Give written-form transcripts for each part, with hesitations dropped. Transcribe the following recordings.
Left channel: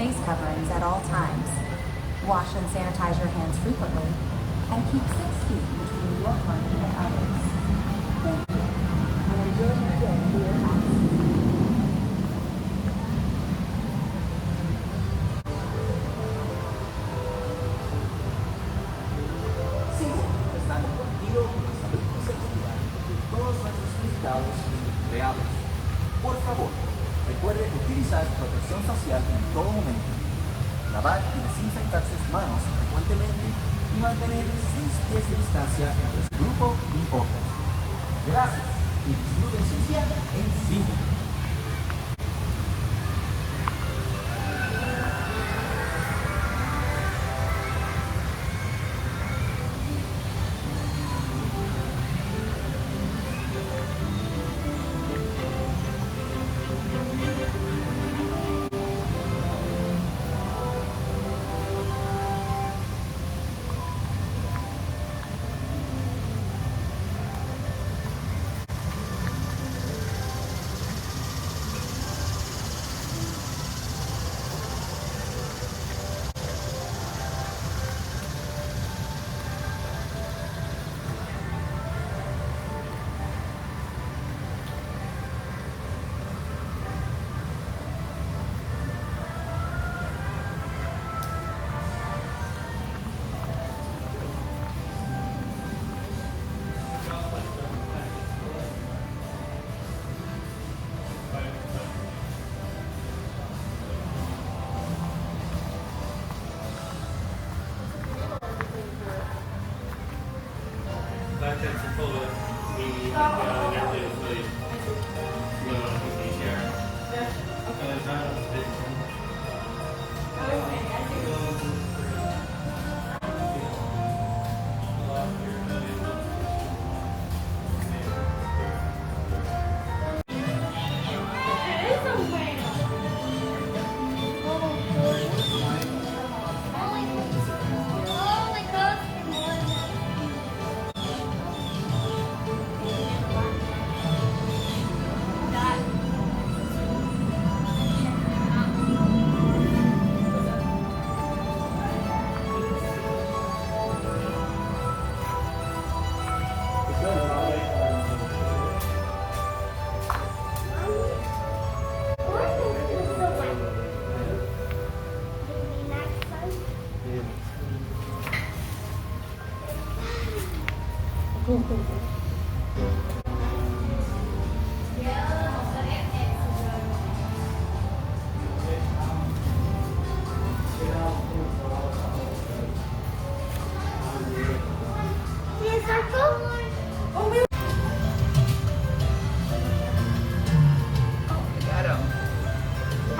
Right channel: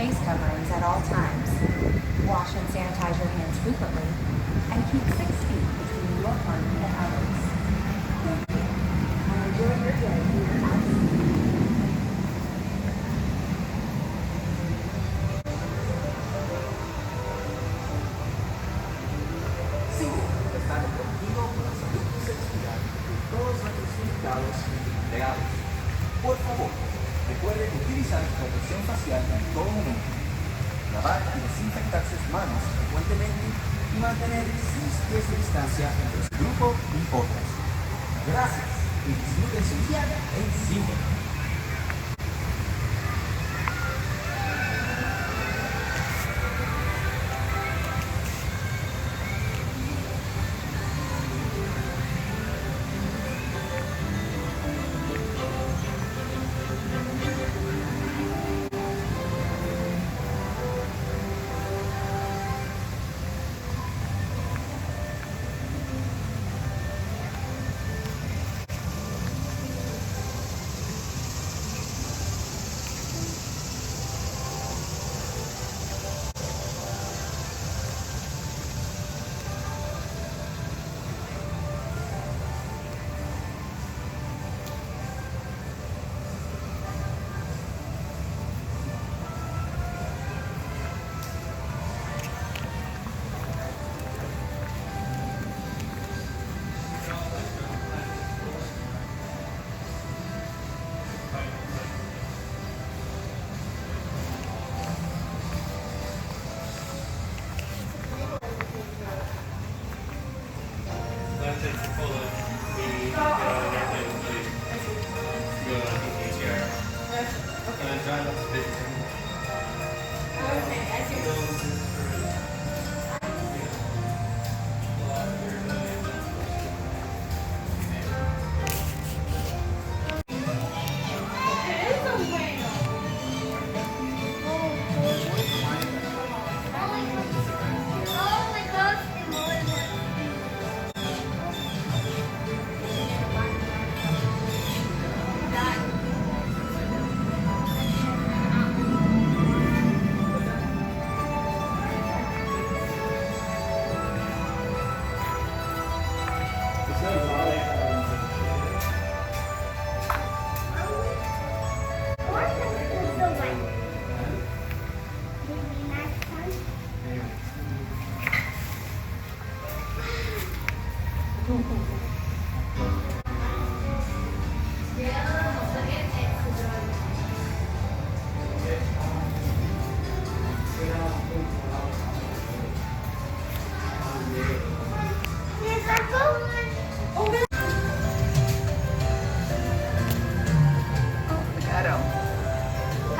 face coverings at all times. Wash and sanitize your hands frequently, and keep 6 feet between your partner and others. Thank you, and enjoy your day here at SeaWorld está comprometido con la salud y seguridad de todos nuestros invitados y empleados. Por favor, recuerde utilizar protección facial en todo momento, lavar y desinfectar sus manos frecuentemente y mantener 6 pies de distancia entre su grupo y Orcas. Gracias y disfruten su día en SeaWorld.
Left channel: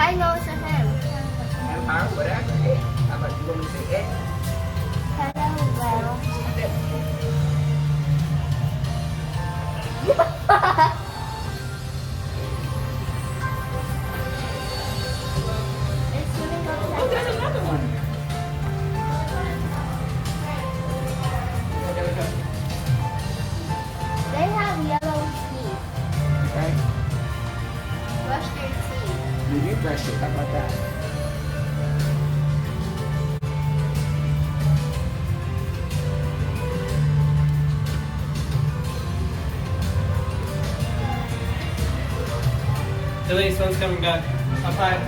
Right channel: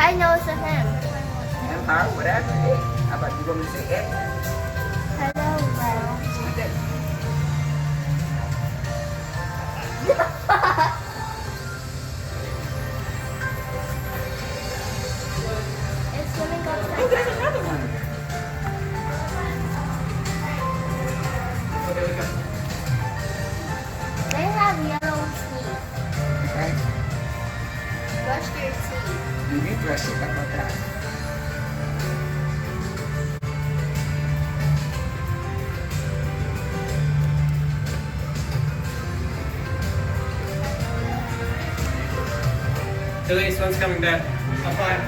I know it's a him. Whatever. Hey, how about you going to say it? Hello, It's swimming Oh, upside there's down. another one. Oh, there we go. They have yellow teeth. Okay. Brush your teeth. You need brush it. How about that? Elise, one's coming back. Up high.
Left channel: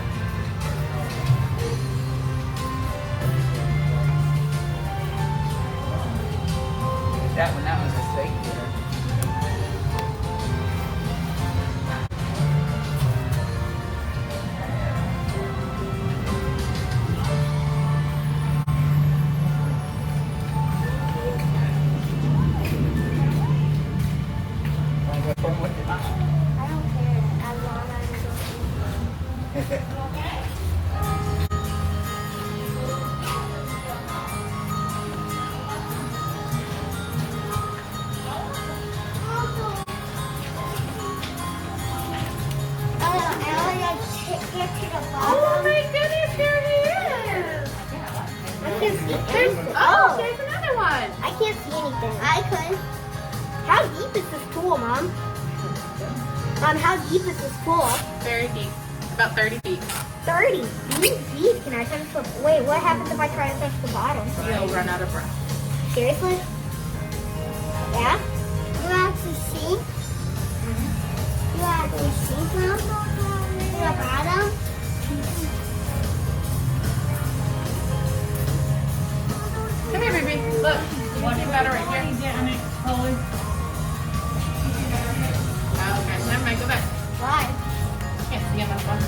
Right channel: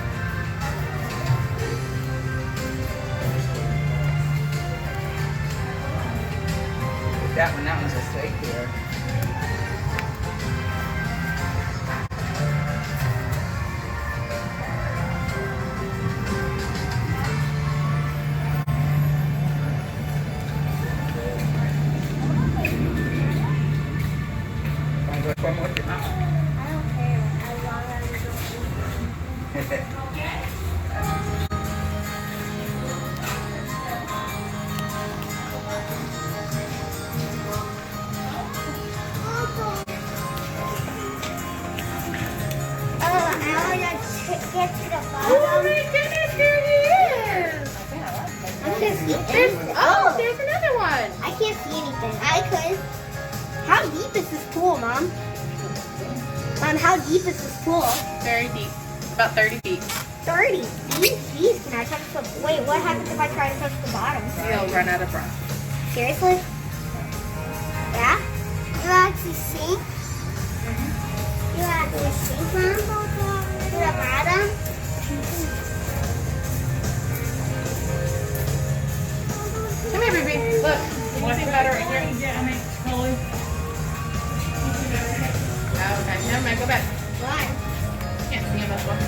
That one's a snake here. One more time. I don't care. As long as get to the bottom. Oh my goodness, there he is! There's another one. I can't see anything. I could. How deep is this pool, Mom? Mom, how deep is this pool? Very deep, about 30 feet. 30 feet. Can I touch the... Wait, what happens if I try to touch the bottom? You'll run out of breath. Seriously? Yeah? You actually see? You actually see from the bottom? Come here, baby. Look. You can see water right here. Oh, okay. Never mind. Go back. Why? Can't see him as well.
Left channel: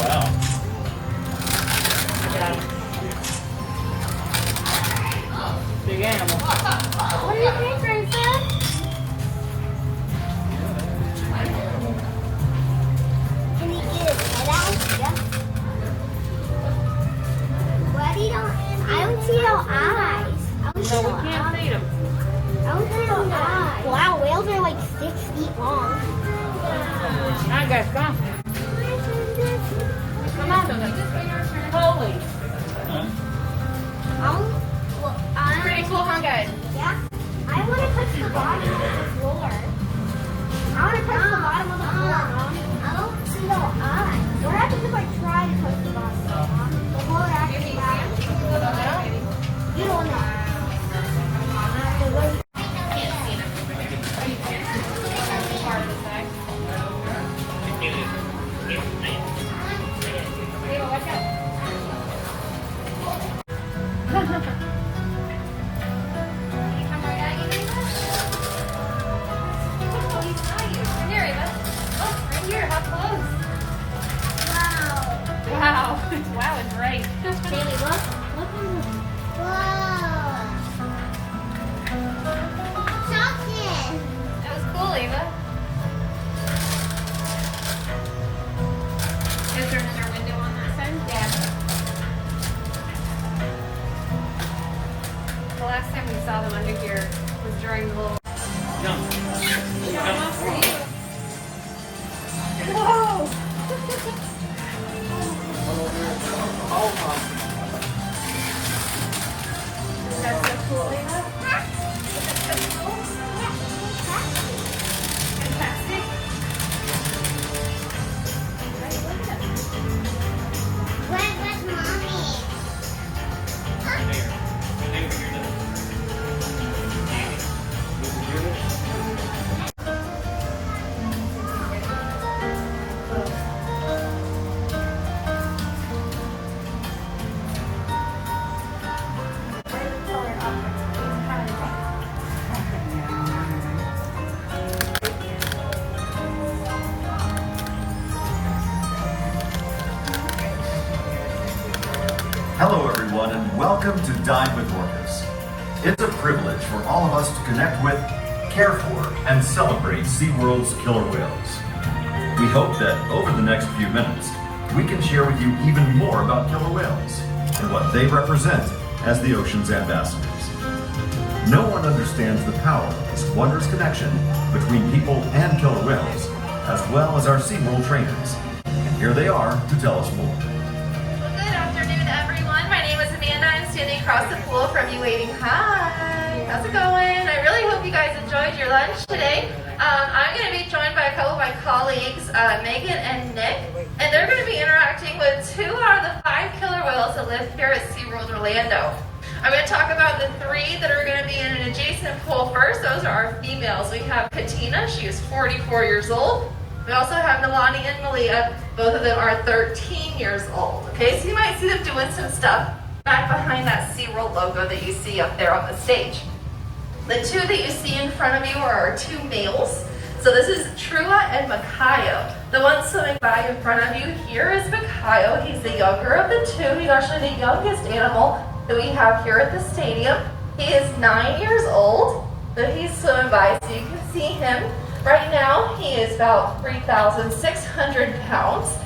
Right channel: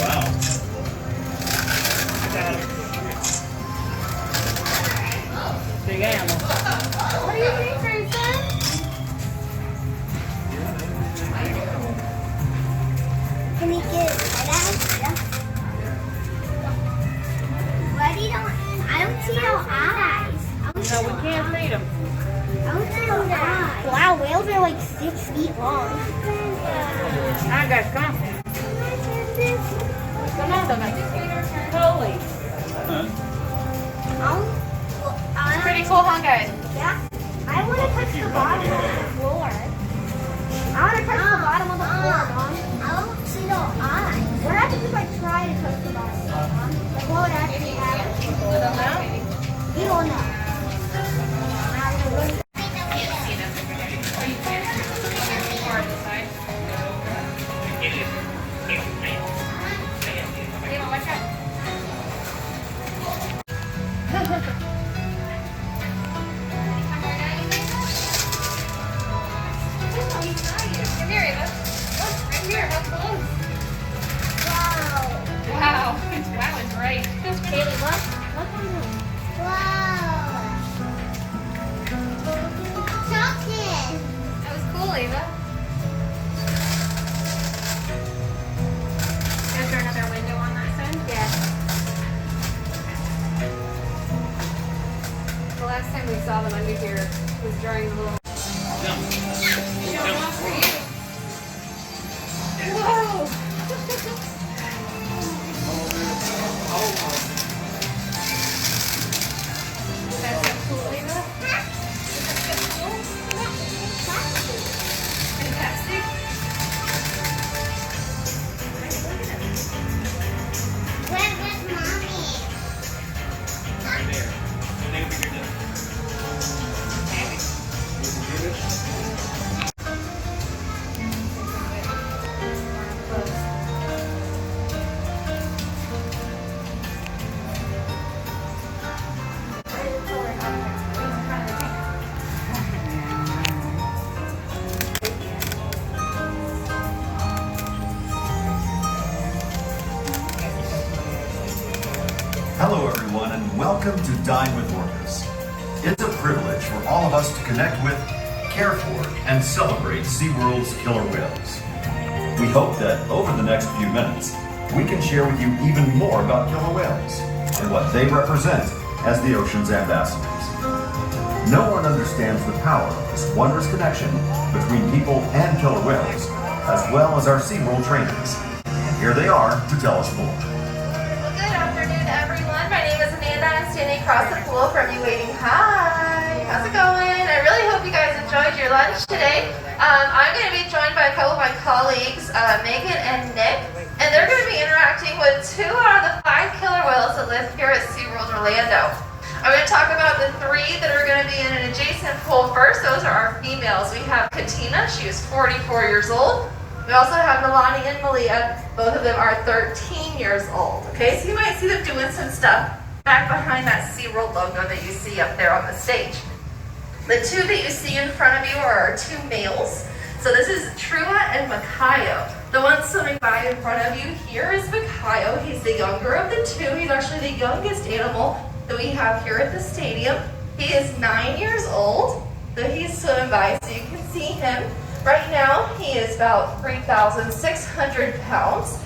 Wow. Got it. Big animal. What do you think, Grayson? Can we get it out? Yeah. Why do you don't... I don't see no eyes. I don't see No, we can't feed him. I don't see no eyes. Wow, whales are like 6 feet long. Alright, guys, come on. Come on, baby. Holy. Oh, Pretty cool, huh, guys? yeah. I want to touch the bottom of the floor. I want to touch the bottom of the floor, Mom. I don't see no eyes. What happens if I try to touch the bottom? Like, what would actually happen? You don't know. Wow, it's great. Haley, look. Look on the... Wow. Something. That was cool, Ava. Is there another window on that side? Yeah. The last time we saw them under here was during the little... Jump. Jump off for you. Whoa! That's so cool, Ava. Isn't that so cool? Fantastic. Right, look at it. Where's Mommy? Right there. Stay over here. Hello everyone and welcome to Dine with Orcas. It's a privilege for all of us to connect with, care for, and celebrate SeaWorld's killer whales. We hope that over the next few minutes, we can share with you even more about killer whales and what they represent as the ocean's ambassadors. No one understands the power of this wondrous connection between people and killer whales, as well as our SeaWorld trainers. And here they are to tell us more. Well, good afternoon, everyone. My name is Amanda. I'm standing across the pool from you waving hi. How's it going? I really hope you guys enjoyed your lunch today. I'm going to be joined by a couple of my colleagues, Megan and Nick, and they're going to be interacting with 2 out of the 5 killer whales that live here at SeaWorld Orlando. I'm going to talk about the 3 that are going to be in an adjacent pool first. Those are our females. We have Katina. She is 44 years old. We also have Nalani and Malia. Both of them are 13 years old. Okay, so you might see them doing some stuff back behind that SeaWorld logo that you see up there on the stage. The 2 that you see in front of you are our 2 males. So this is Trua and Makayo. The one swimming by in front of you here is Makayo. He's the younger of the 2. He's actually the youngest animal that we have here at the stadium. He is 9 years old. So he's swimming by so you can see him. Right now he is about 3,600 pounds.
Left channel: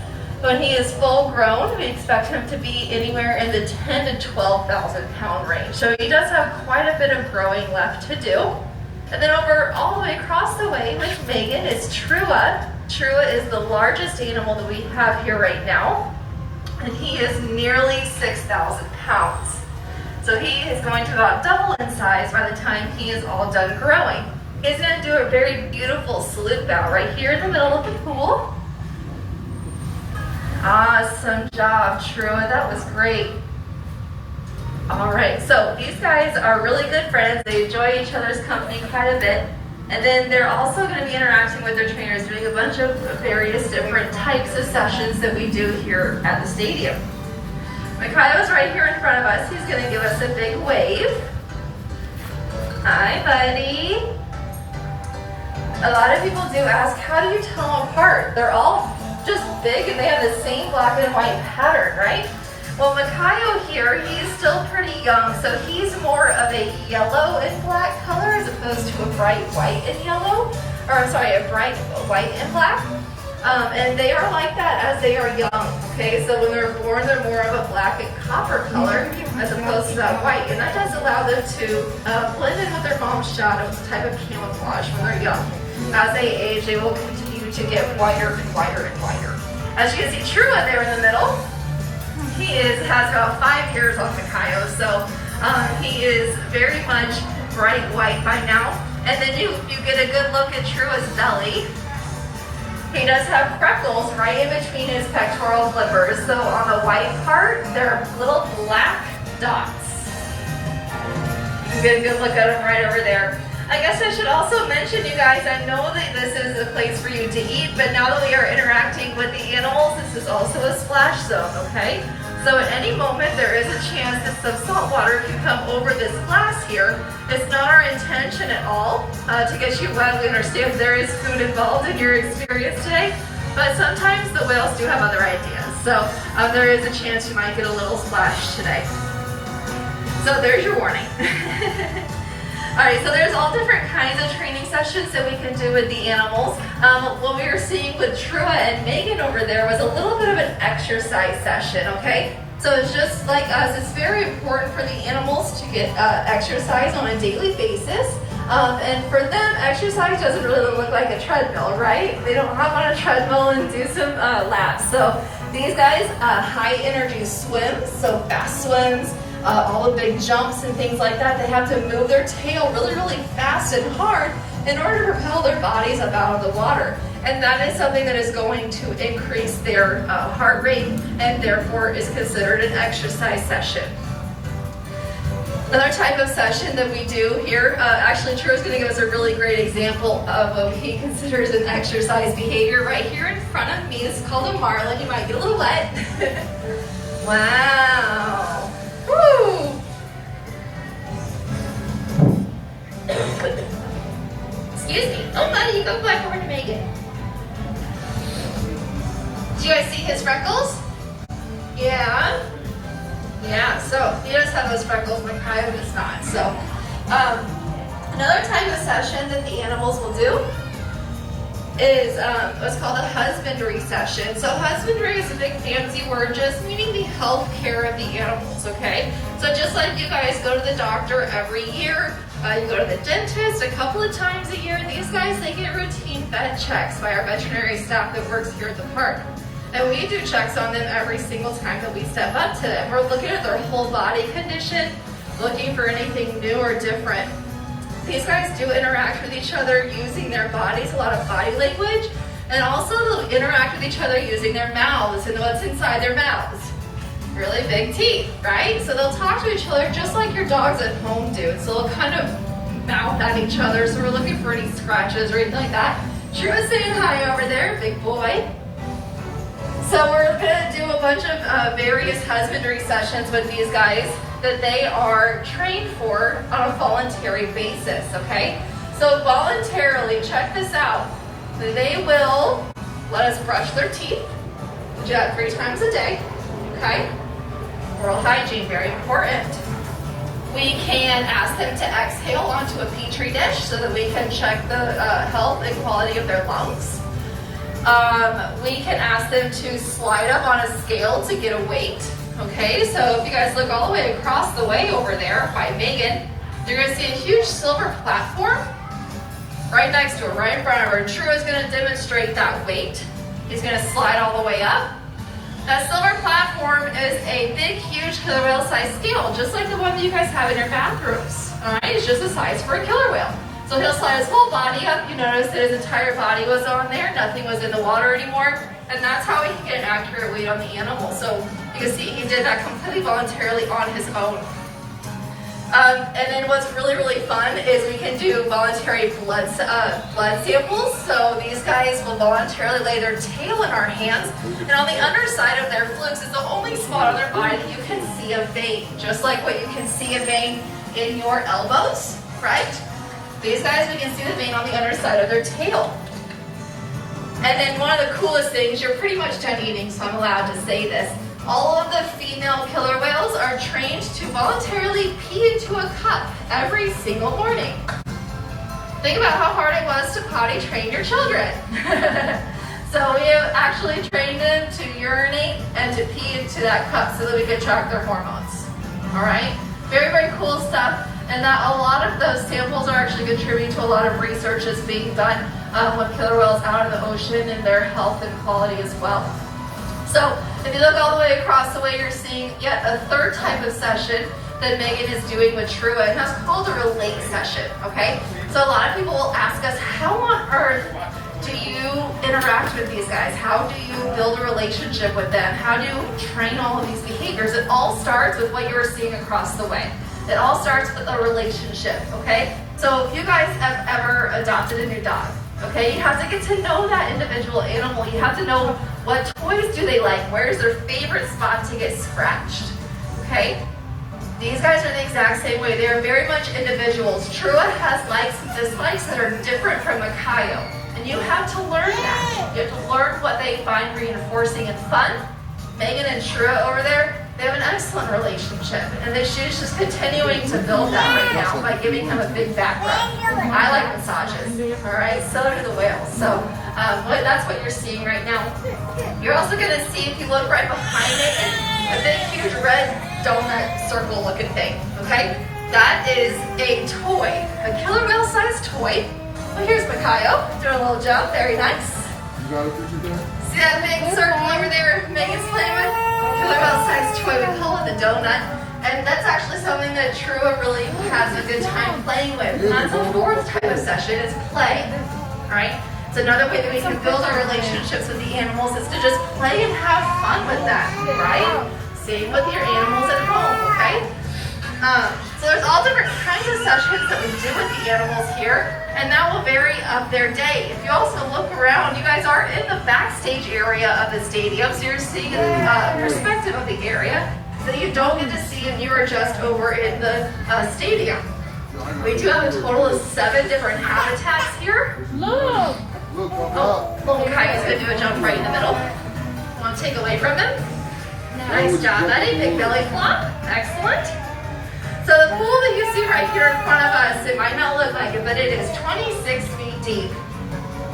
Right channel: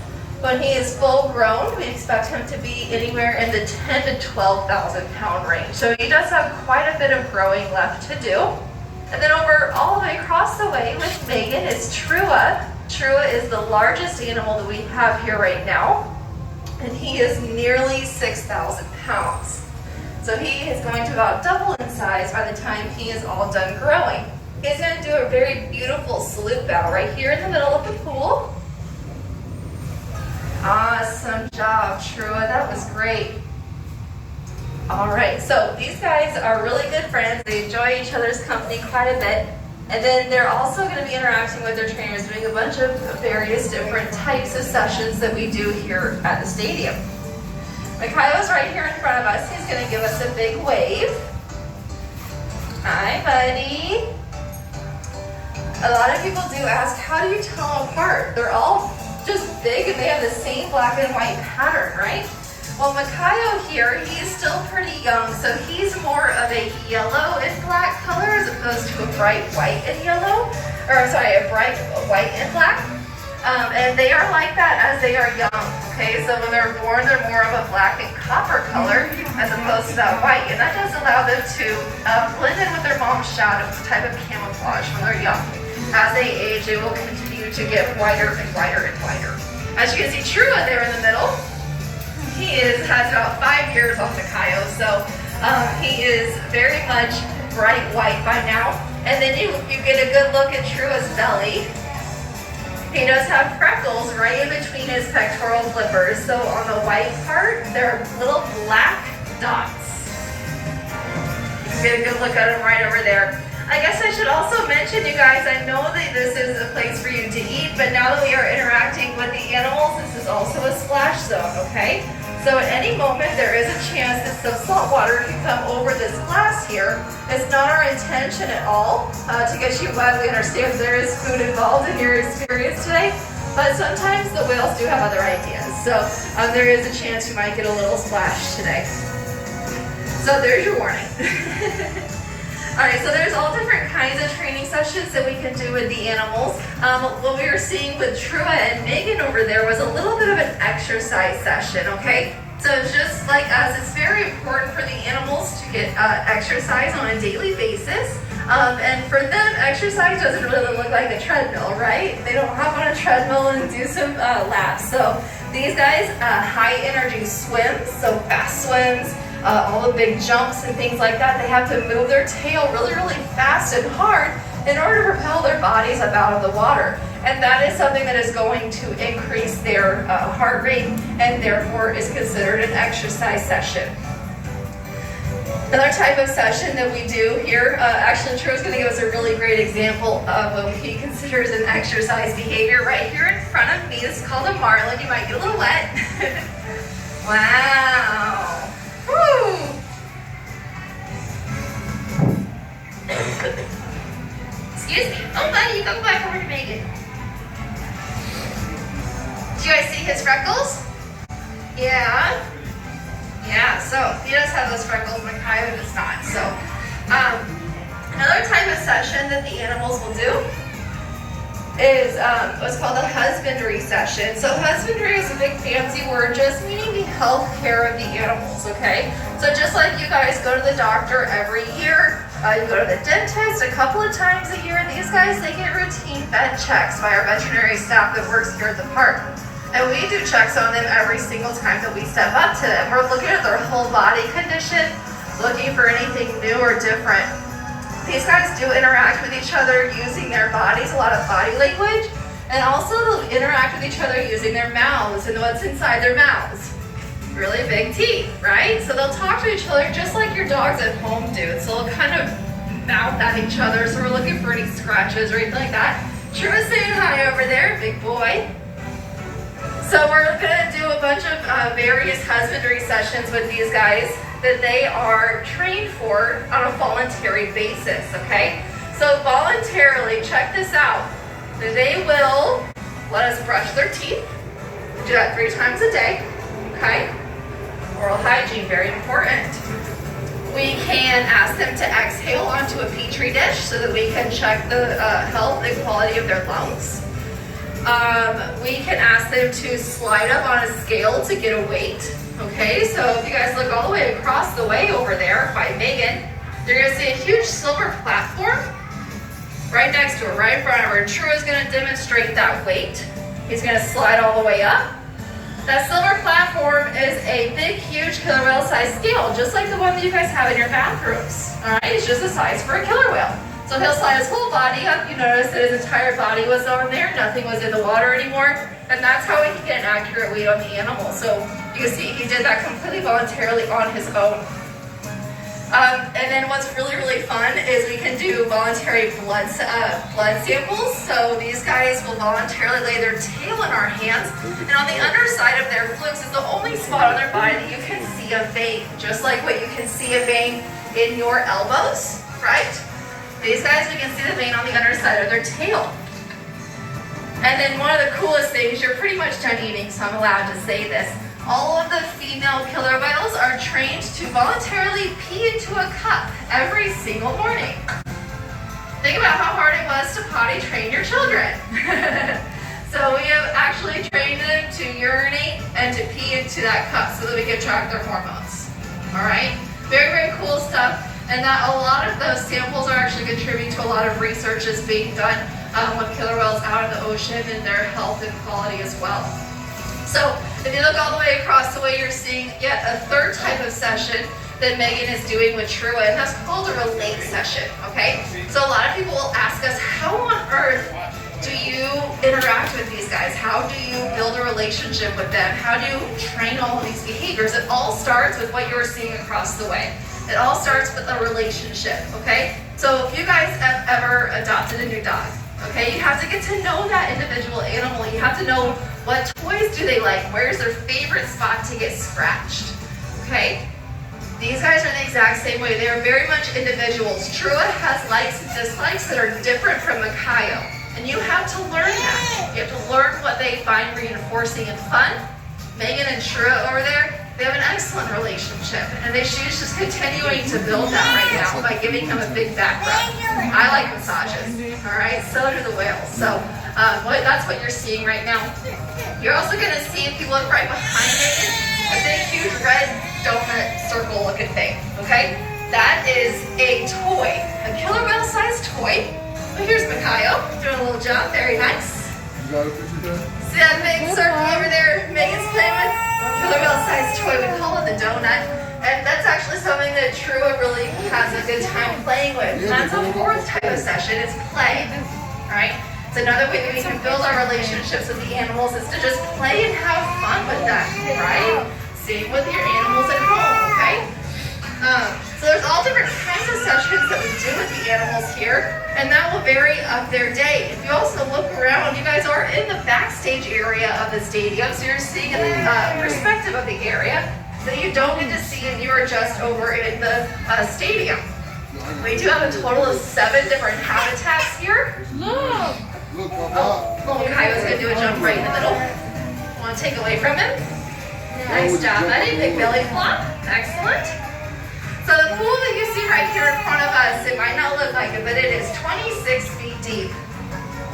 When he is full grown, we expect him to be anywhere in the 10 to 12,000 pound range. So he does have quite a bit of growing left to do. And then over all the way across the way with Megan is Trua. Trua is the largest animal that we have here right now. and he is nearly 6,000 pounds. So he is going to about double in size by the time he is all done growing. He's going to do a very beautiful salute bow right here in the middle of the pool. Awesome job, Trua. That was great. All right, so these guys are really good friends. They enjoy each other's company quite a bit. And then they're also going to be interacting with their trainers, doing a bunch of various different types of sessions that we do here at the stadium. Mikhail's right here in front of us. He's going to give us a big wave. Hi, buddy. A lot of people do ask, how do you tell them apart? They're all just big and they have the same black and white pattern, right? Well, Mikhail here, he's still pretty young, so he's more of a yellow and black color as opposed to a bright white and yellow, or sorry, a bright white and black. And they are like that as they are young, okay? So when they're born, they're more of a black and copper color as opposed to that white. And that does allow them to blend in with their mom's shadow, type of camouflage when they're young. As they age, they will continue to get whiter and whiter and whiter. As you can see, Trua there in the middle, he has about 5 years on Mikhail, so he is very much bright white by now. And then you get a good look at Trua's belly. He does have freckles right in between his pectoral flippers. So on the white part, there are little black dots. You can get a good look at him right over there. I guess I should also mention, you guys, I know that this is a place for you to eat, but now that we are interacting with the animals, this is also a splash zone, okay? So at any moment, there is a chance that some salt water can come over this glass here. It's not our intention at all to get you wet. We understand there is food involved in your experience today, but sometimes the whales do have other ideas. So there is a chance you might get a little splash today. So there's your warning. All right, so there's all different kinds of training sessions that we can do with the animals. What we were seeing with Trua and Megan over there was a little bit of an exercise session, okay? So just like us, it's very important for the animals to get exercise on a daily basis. And for them, exercise doesn't really look like a treadmill, right? They don't hop on a treadmill and do some laps. So these guys, high energy swims, so fast swims, all the big jumps and things like that. They have to move their tail really, really fast and hard in order to propel their bodies up out of the water. And that is something that is going to increase their heart rate and therefore is considered an exercise session. Another type of session that we do here, actually Trua's going to give us a really great example of what he considers an exercise behavior right here in front of me. This is called a marlin. You might get a little wet. Wow. Woo. Excuse me. Oh, buddy, you go back over to Megan. Do you guys see his freckles? Yeah. Yeah, so he does have those freckles, Mikhail does not. So another type of session that the animals will do is what's called a husbandry session. So husbandry is a big fancy word just meaning the health care of the animals, okay? So just like you guys go to the doctor every year, you go to the dentist a couple of times a year, these guys, they get routine vet checks by our veterinary staff that works here at the park. And we do checks on them every single time that we step up to them. We're looking at their whole body condition, looking for anything new or different. These guys do interact with each other using their bodies, a lot of body language, and also they'll interact with each other using their mouths and what's inside their mouths. Really big teeth, right? So they'll talk to each other just like your dogs at home do. So they'll kind of mouth at each other, so we're looking for any scratches or anything like that. Trua's saying hi over there, big boy. So we're gonna do a bunch of various husbandry sessions with these guys that they are trained for on a voluntary basis, okay? So voluntarily, check this out. They will let us brush their teeth. We do that 3 times a day, okay? Oral hygiene, very important. We can ask them to exhale onto a petri dish so that we can check the health and quality of their lungs. We can ask them to slide up on a scale to get a weight. Okay, so if you guys look all the way across the way over there by Megan, you're gonna see a huge silver platform right next to her, right in front of her. Trua is gonna demonstrate that weight. He's gonna slide all the way up. That silver platform is a big, huge killer whale sized scale, just like the one that you guys have in your bathrooms. All right, it's just a size for a killer whale. So he'll slide his whole body up. You notice that his entire body was on there. Nothing was in the water anymore. And that's how he can get an accurate weight on the animal. So you can see he did that completely voluntarily on his own. And then what's really, really fun is we can do voluntary blood samples. So these guys will voluntarily lay their tail in our hands. And on the underside of their flukes is the only spot on their body that you can see a vein. Just like what you can see a vein in your elbows, right? These guys, we can see the vein on the underside of their tail. And then one of the coolest things, you're pretty much done eating, so I'm allowed to say this. All of the female killer whales are trained to voluntarily pee into a cup every single morning. Think about how hard it was to potty train your children. So we have actually trained them to urinate and to pee into that cup so that we can track their hormones. All right? Very, very cool stuff. And that a lot of those samples are actually contributing to a lot of research that's being done with killer whales out in the ocean and their health and quality as well. So if you look all the way across the way, you're seeing yet a third type of session that Megan is doing with Trua, and that's called a relate session, okay? So a lot of people will ask us, how on earth do you interact with these guys? How do you build a relationship with them? How do you train all of these behaviors? It all starts with what you're seeing across the way. It all starts with a relationship, okay? So if you guys have ever adopted a new dog, okay, you have to get to know that individual animal. You have to know what toys do they like, where's their favorite spot to get scratched, okay? These guys are the exact same way. They are very much individuals. Trua has likes and dislikes that are different from Makayo, and you have to learn that. You have to learn what they find reinforcing and fun. Megan and Trua over there, they have an excellent relationship, and she's just continuing to build that right now by giving him a big back rub. I like massages, all right? So do the whales. So that's what you're seeing right now. You're also going to see, if you look right behind Megan, a big, huge red donut circle-looking thing, okay? That is a toy, a killer whale-sized toy. Well, here's Makayo doing a little jump. Very nice. You got a picture there? See that big circle over there Megan's playing with? Killer whale-sized toy. We call it the donut. And that's actually something that Trua really has a good time playing with. And that's a fourth type of session, is play. Alright? It's another way that we can build our relationships with the animals, is to just play and have fun with them, right? Same with your animals at home, okay? So there's all different kinds of sessions that we do with the animals here, and that will vary of their day. If you also look around, you guys are in the backstage area of the stadium, so you're seeing a perspective of the area that you don't get to see if you are just over in the stadium. We do have a total of 7 different habitats here. Look! Oh, little Coyote's gonna do a jump right in the middle. Want to take away from him? Nice job, buddy. Big belly flop. Excellent. So the pool that you see right here in front of us, it might not look like it, but it is 26 feet deep.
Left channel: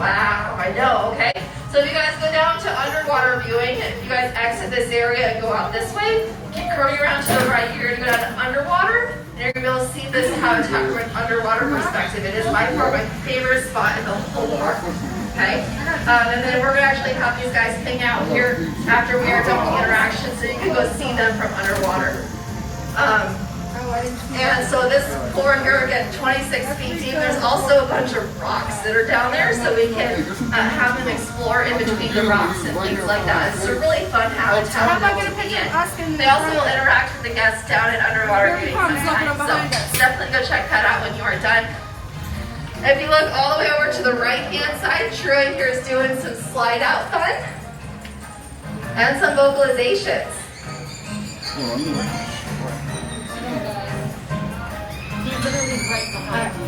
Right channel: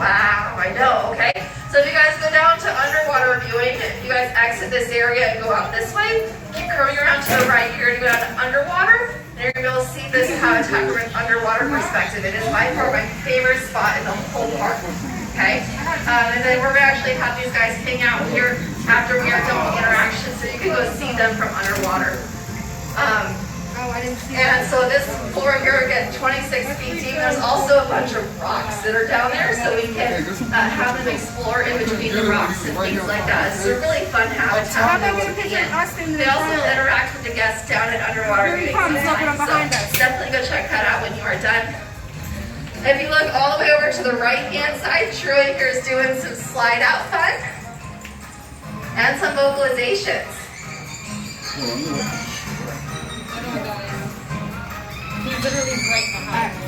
Wow, I know, okay? So if you guys go down to underwater viewing, if you guys exit this area and go out this way, keep curving around to the right here to go down to underwater, and you're going to be able to see this habitat from an underwater perspective. It is by far my favorite spot in the whole park, okay? And then we're going to actually have these guys hang out here after we are done with the interaction, so you can go see them from underwater. And so this floor here, again, 26 feet deep. There's also a bunch of rocks that are down there, so we can have them explore in between the rocks and things like that. It's a really fun habitat for them to be in. They also will interact with the guests down at underwater viewing sometimes, so definitely go check that out when you are done. If you look all the way over to the right-hand side, Troy here is doing some slide-out fun and some vocalizations. He's literally right behind me.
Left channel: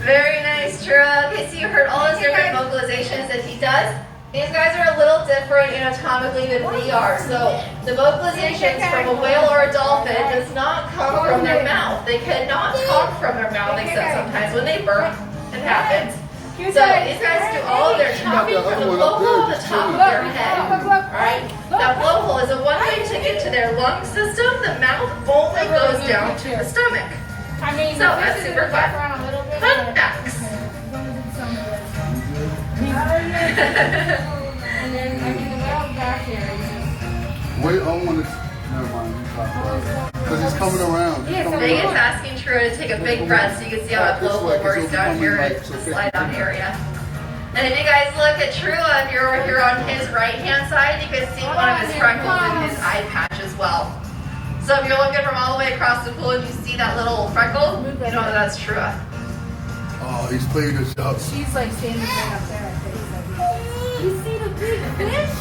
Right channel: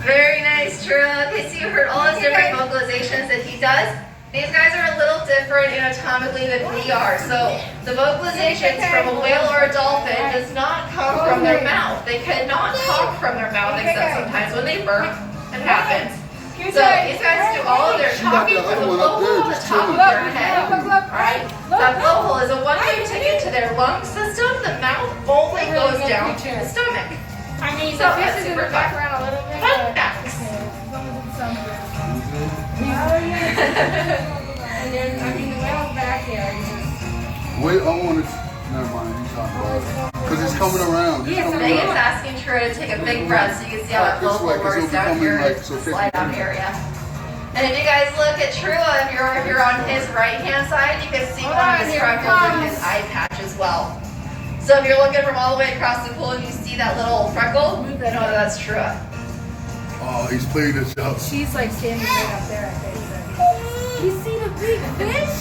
Very nice, Troy. Okay, so you heard all those different vocalizations that he does. These guys are a little different anatomically than we are. So the vocalizations from a whale or a dolphin does not come from their mouth. They cannot talk from their mouth, except sometimes when they burp, it happens. So these guys do all of their talking from the blowhole on the top of their head. Alright? That blowhole is a one-way ticket to their lung system. The mouth only goes down to the stomach. So that's super fun. Fun facts. And then, I mean, the whale's back here. Wait, I want to. Never mind. You talk about it. Because it's coming around. Yeah, Megan's asking Trua to take a big breath so you can see how that This local way, 'cause works it'll be down coming, here like, in so the 50 slide down area. And if you guys look at Trua, if you're here on his right hand side, you can see one of his freckles in his eye patch as well. So if you're looking from all the way across the pool and you see that little freckle, you know that's Trua. Oh, he's playing this out. She's like standing right up there, I think. You see the big fish?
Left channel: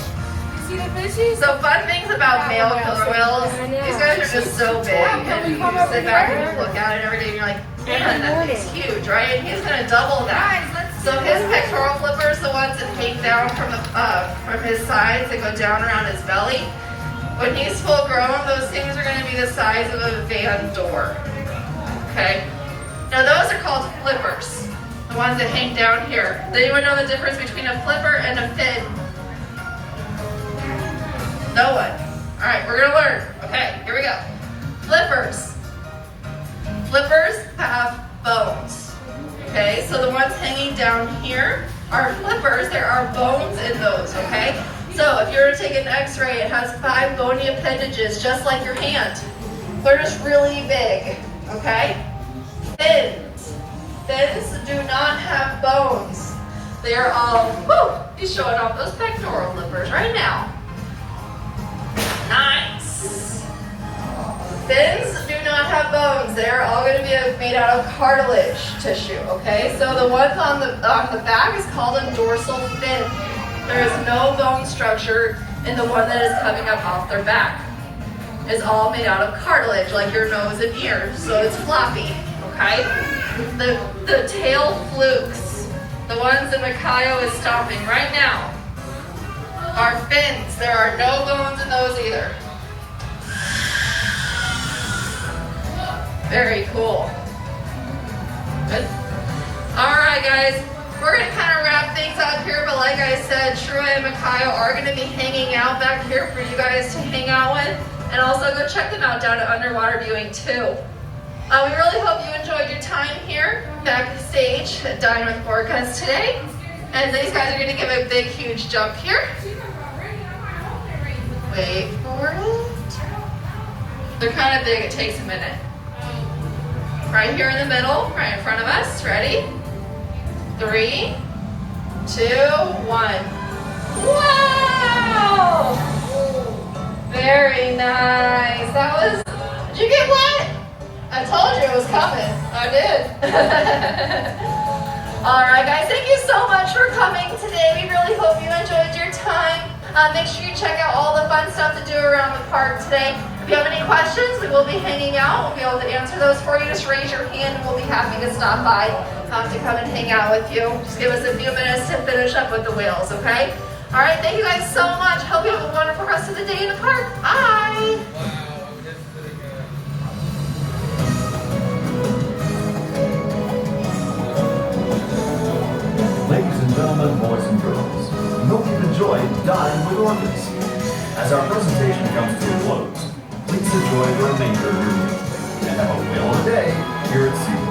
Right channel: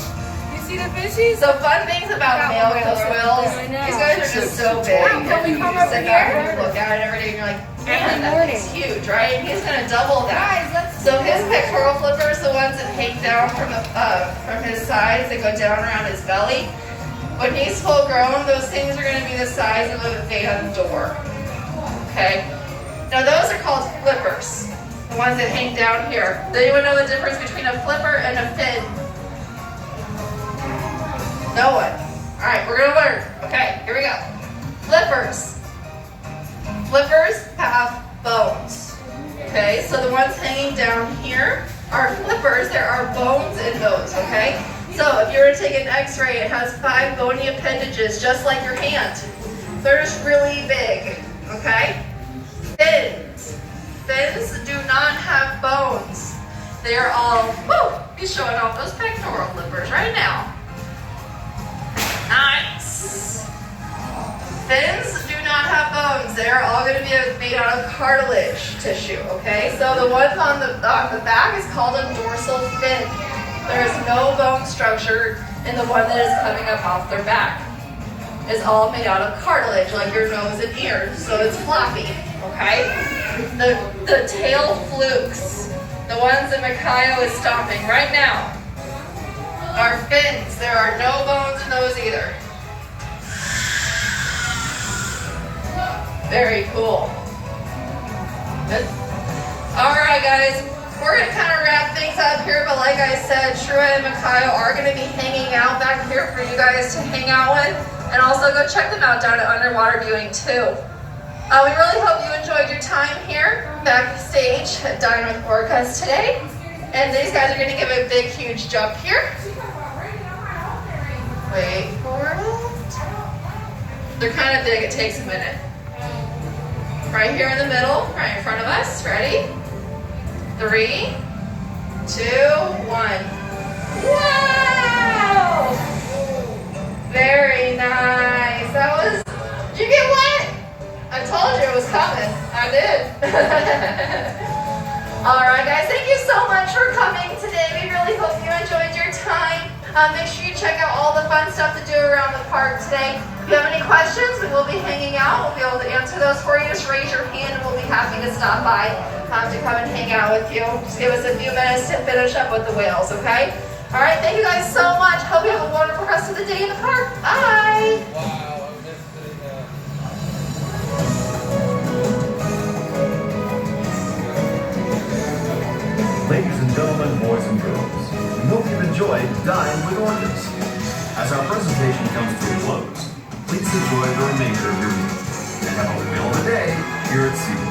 You see the fishies? So fun things about male killer whales, these guys are just so big. And you sit back and you look at it every day and you're like, man, that thing's huge, right? And he's gonna double that. So his pectoral flippers, the ones that hang down from his sides, that go down around his belly. When he's full grown, those things are gonna be the size of a van door. Okay? Now those are called flippers. The ones that hang down here. Does anyone know the difference between a flipper and a fin? No one. All right, we're gonna learn. Okay, here we go. Flippers. Flippers have bones. Okay, so the ones hanging down here are flippers. There are bones in those, okay? So if you were to take an x-ray, it has 5 bony appendages, just like your hand. They're just really big, okay? Fins. Fins do not have bones. They are all, woo, he's showing off those pectoral flippers right now. Nice. Fins do not have bones. They're all going to be made out of cartilage tissue, okay? So the ones on the back is called a dorsal fin. There is no bone structure in the one that is coming up off their back. It's all made out of cartilage, like your nose and ears, so it's floppy, okay? The tail flukes, the ones that Makayo is stomping right now, are fins. There are no bones in those either. Very cool. Good. All right, guys. We're going to kind of wrap things up here, but like I said, Trua and Makayo are going to be hanging out back here for you guys to hang out with, and also go check them out down at Underwater Viewing too. We really hope you enjoyed your time here backstage at Dine with Orcas today, and these guys are going to give a big, huge jump here. Wait for it. They're kind of big, it takes a minute. Right here in the middle, right in front of us. Ready? 3, 2, 1. Wow! Very nice. That was, did you get wet? I told you it was coming. I did. All right, guys, thank you so much for coming today. We really hope you enjoyed your time. Make sure you check out all the fun stuff to do around the park today. If you have any questions, we will be hanging out. We'll be able to answer those for you. Just raise your hand and we'll be happy to stop by to come and hang out with you. Just give us a few minutes to finish up with the whales, okay? All right, thank you guys so much. Hope you have a wonderful rest of the day in the park. Bye. Ladies and gentlemen, boys and girls, we hope you've enjoyed Dine with Orcas. As our presentation comes to a close, please enjoy the remainder of your meal and have a whale of a day here at SeaWorld.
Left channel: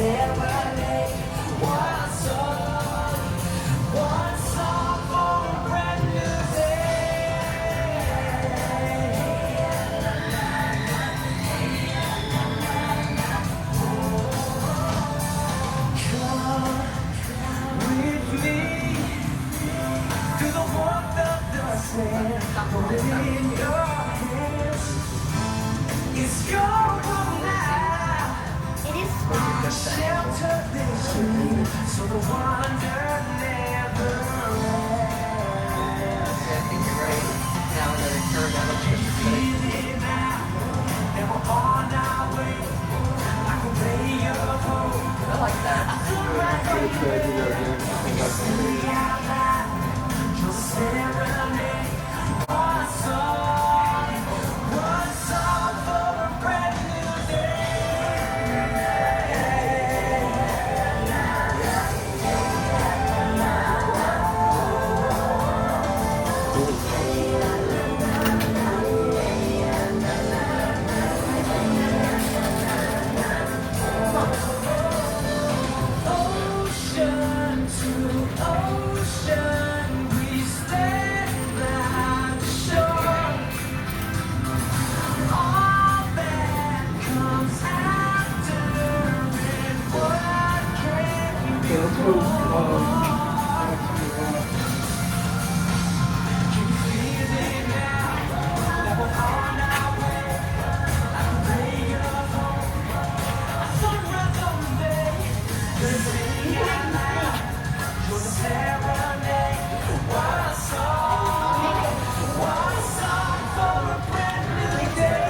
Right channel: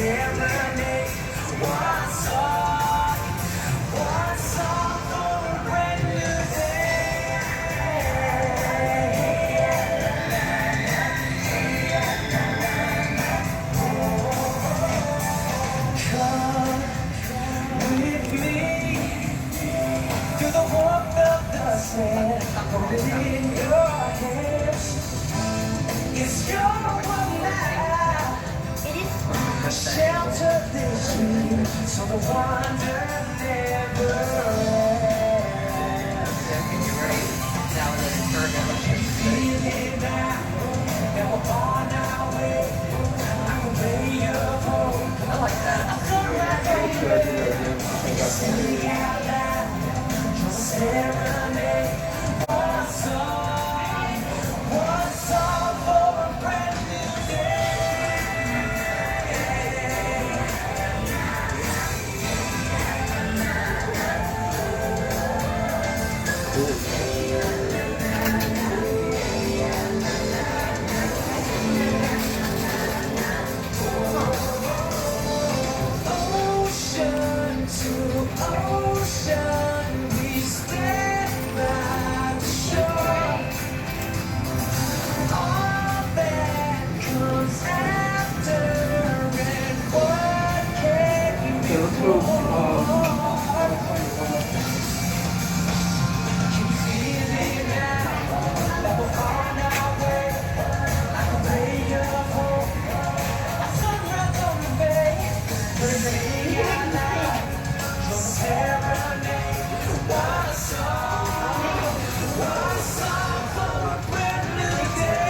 serenade. One song for a brand new day. Come with me through the warmth of the sand. Hold it in your hands. It's your world now. It is fun. Shelter this dream, so the wonder never ends. Feel it now, and we're on our way. I can lay your home. I like that. Sing out loud, your serenade. One song for a brand new day. Ocean to ocean, we stand by the shore. All that comes after, and what can be more? You feel it now, that we're on our way. I can lay your home, sunrise on the bay. Sing out loud, your serenade. One song for a brand new day.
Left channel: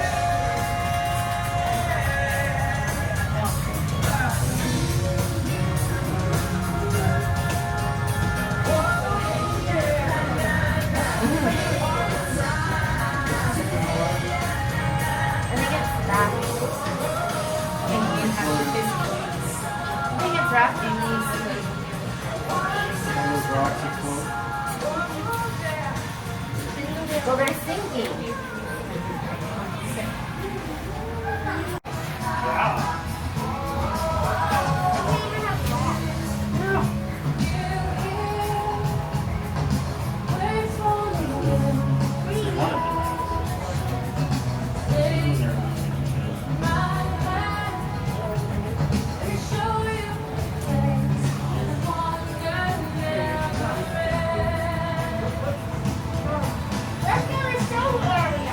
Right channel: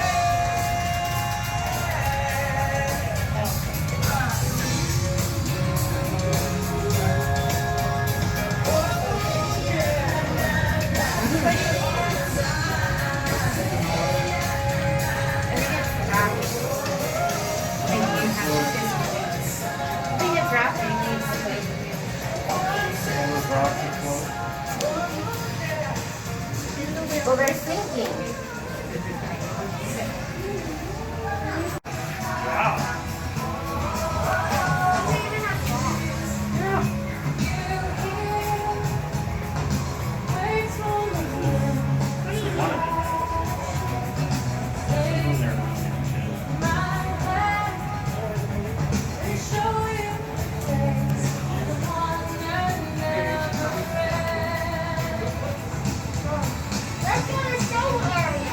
I think it's rafting needs to play. Well, they're sinking. Let's go to the show area.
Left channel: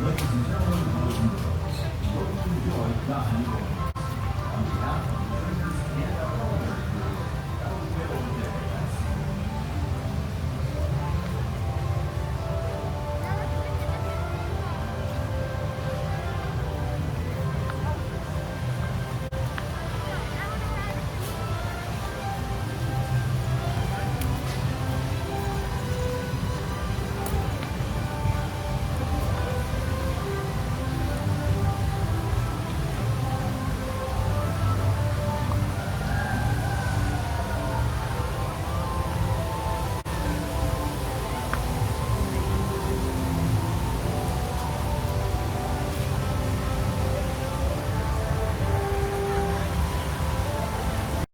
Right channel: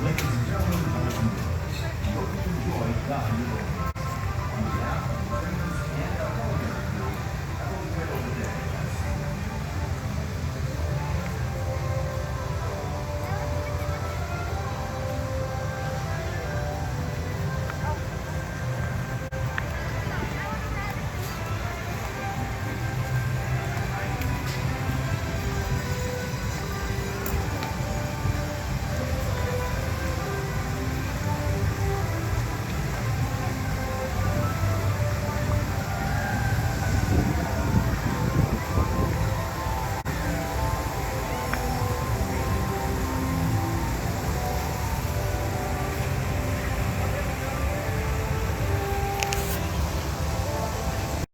Ladies and gentlemen, hope you enjoyed Dine with Orcas. On behalf of the trainers and